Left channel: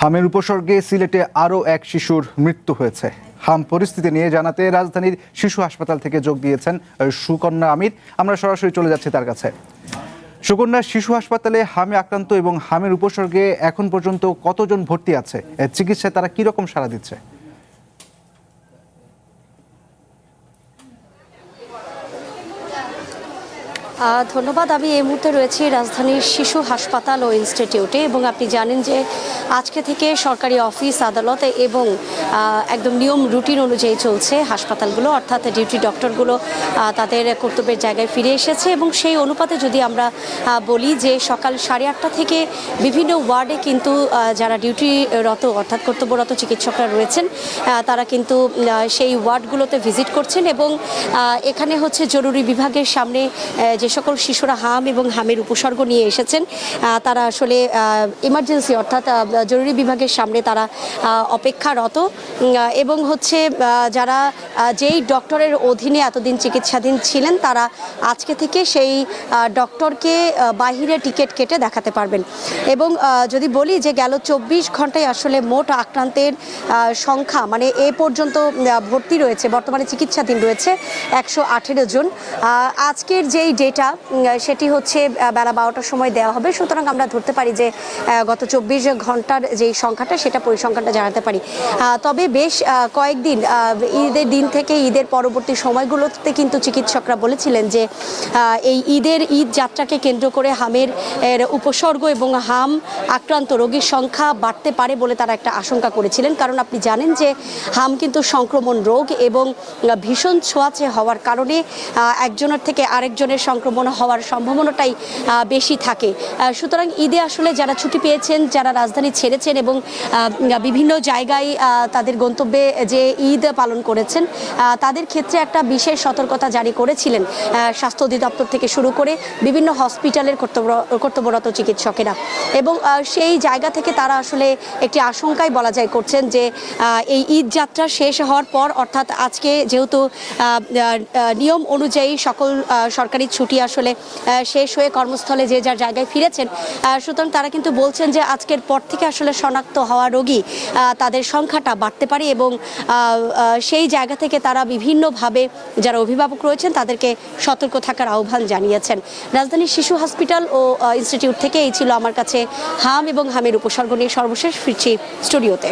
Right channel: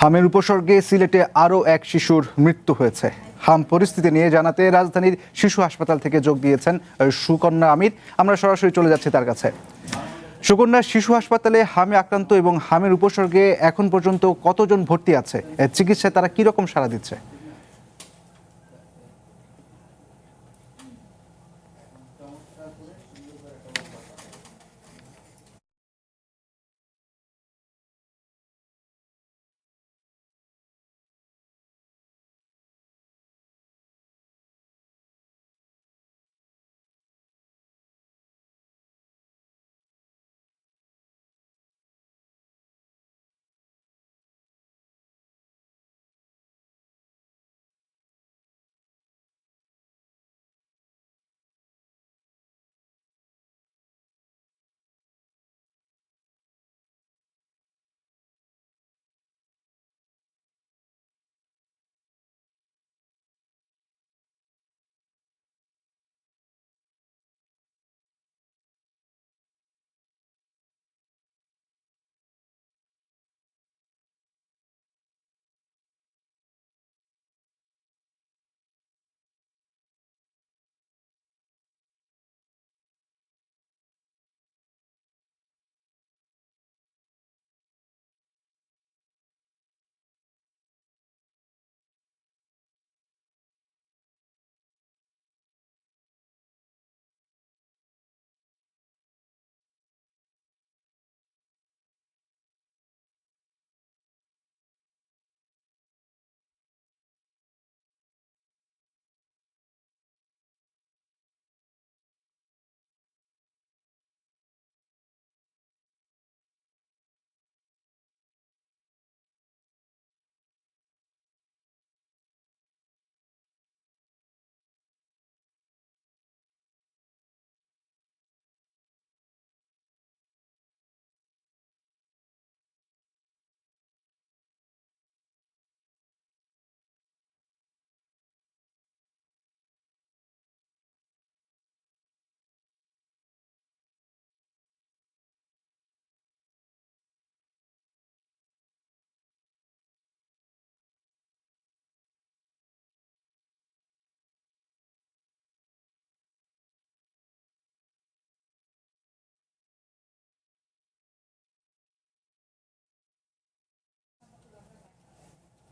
হামের উপসর্গে সিলেটে আরও এক শিশুর মৃত্যু হয়েছে। হাম পরিস্থিতি নিয়ে জানাতে রাজধানীর শিশু হাসপাতাল থেকে যোগ দিয়েছেন সুকন্যা আমির। আমরা সরাসরি চলে যাচ্ছি তার কাছে। সুকন্যা, শিশু হাসপাতালে হামে আক্রান্ত এবং হামের উপসর্গে এখন পর্যন্ত কতজন ভর্তি আছে, চিকিৎসায় তারা কিরকম সাড়া দিচ্ছে? ধন্যবাদ। আমি এই মুহূর্তে রয়েছি রাজধানীর শিশু হাসপাতাল ও ইনস্টিটিউটে এবং আপনি জানেন যে আজকে থেকে সরকারি অফিস আদালত এবং একদম নিয়ম রুটিন অনুযায়ী চলছে হাসপাতালগুলো, অর্থাৎ ডিউটি ডক্টরগুলো তাদের কর্তব্যের জায়গায় ফিরে এসেছে এবং সেই অনুপাতে যদি আমরা বলি যে সকাল 8:30 থেকে বিভিন্ন ওয়ার্ডে কিন্তু যারা ডিউটিরত অর্থাৎ কর্তব্যরত চিকিৎসকরা রয়েছেন তারা কিন্তু সেই ওয়ার্ডগুলোতে ভিজিট করছেন এবং এখানে হচ্ছে জরুরি বিভাগের সামনে যে সকল শিশুরা হাম এবং হামের উপসর্গ নিয়ে এসেছেন তারা আসলে ইমার্জেন্সি অর্থাৎ জরুরি বিভাগের সামনে তারা অপেক্ষারত এবং হচ্ছে যারা যেই ডক্টরের অধীনে এতদিন চিকিৎসাধীন ছিলেন তারা আজকে থেকে সেই ডক্টরকে বাহিরে টিকিট কেটে দেখাতে পারবেন। এবং যদি বলি যে গেল 24 ঘন্টায় আসলে মোট আক্রান্তের সংখ্যা মানে এ পর্যন্ত ভর্তি রয়েছে, বর্তমানে চিকিৎসাধীন রয়েছে 118 জন। আজকের যেই ডেটা সেটি হচ্ছে বেলা 12টার সময় দেওয়া হবে, সুতরাং আমরা ধরতে পারি যে গত 24 ঘন্টার যেই সংখ্যাটা সেটা পরিসংখ্যানটা জানাতে পারি। তবে বেশ কয়েকদিন ঈদের দিন থেকে ঈদের পরবর্তী সময়গুলোতে কিন্তু চিকিৎসকরা বলেছিলেন যে এই ঈদ যাত্রাকে কেন্দ্র করে হামের উপসর্গ এবং হাম আক্রান্ত রোগীর সংখ্যা বাড়তে পারে বলে তারা একটা আশঙ্কা করেছিলেন, কারণ আপনি জানেন যে হাম কিন্তু সংক্রমণ রোগ এবং ভীষণ ছোঁয়াচে হওয়ার কারণে একজনের থেকে আরেকজনের সংক্রমণ হওয়ার সম্ভাবনাটাই বেশি থাকে। সুতরাং ঈদে আসলে যারা ছুটি পেয়েছেন, যারা রাজধানী ছেড়েছেন এবং বিভিন্ন জায়গায় তাদের গন্তব্যে যে ঈদ পালন করেছেন তাদের ক্ষেত্রে একটা বিশেষ সতর্কতা জারি করেছিলেন স্বাস্থ্য অধিদপ্তর থেকে শুরু করে বিভিন্ন হসপিটালের কর্তব্যরত চিকিৎসকেরা এবং সেই জায়গা থেকে তারা আসলে একটি আশঙ্কায় বলা যায় করছেন যে এই ঈদ যাত্রা শেষ হওয়ার পর অর্থাৎ আজকে যেহেতু নিয়ম অনুযায়ী সকল সরকারি ছুটি আসলে শেষ হয়ে কর্মস্থলে যে যার জায়গায় ফিরেছেন, সুতরাং তারা কিন্তু বলছেন যে আজকের পর থেকে আসলে শনাক্ত হওয়া রোগী তাদের সংখ্যাটা বাড়তে পারে এবং সেই জায়গা থেকে তারা বিভিন্নভাবে যারা অভিভাবক রয়েছেন তাদেরকে সতর্ক থাকার আহ্বান জানিয়েছেন। রাজধানীর শিশু হসপিটাল ও ইনস্টিটিউট থেকে এই ছিল আমার কাছে হাম এবং হামের উপসর্গ নিয়ে সর্বশেষ। ফিরছি স্টুডিওতে।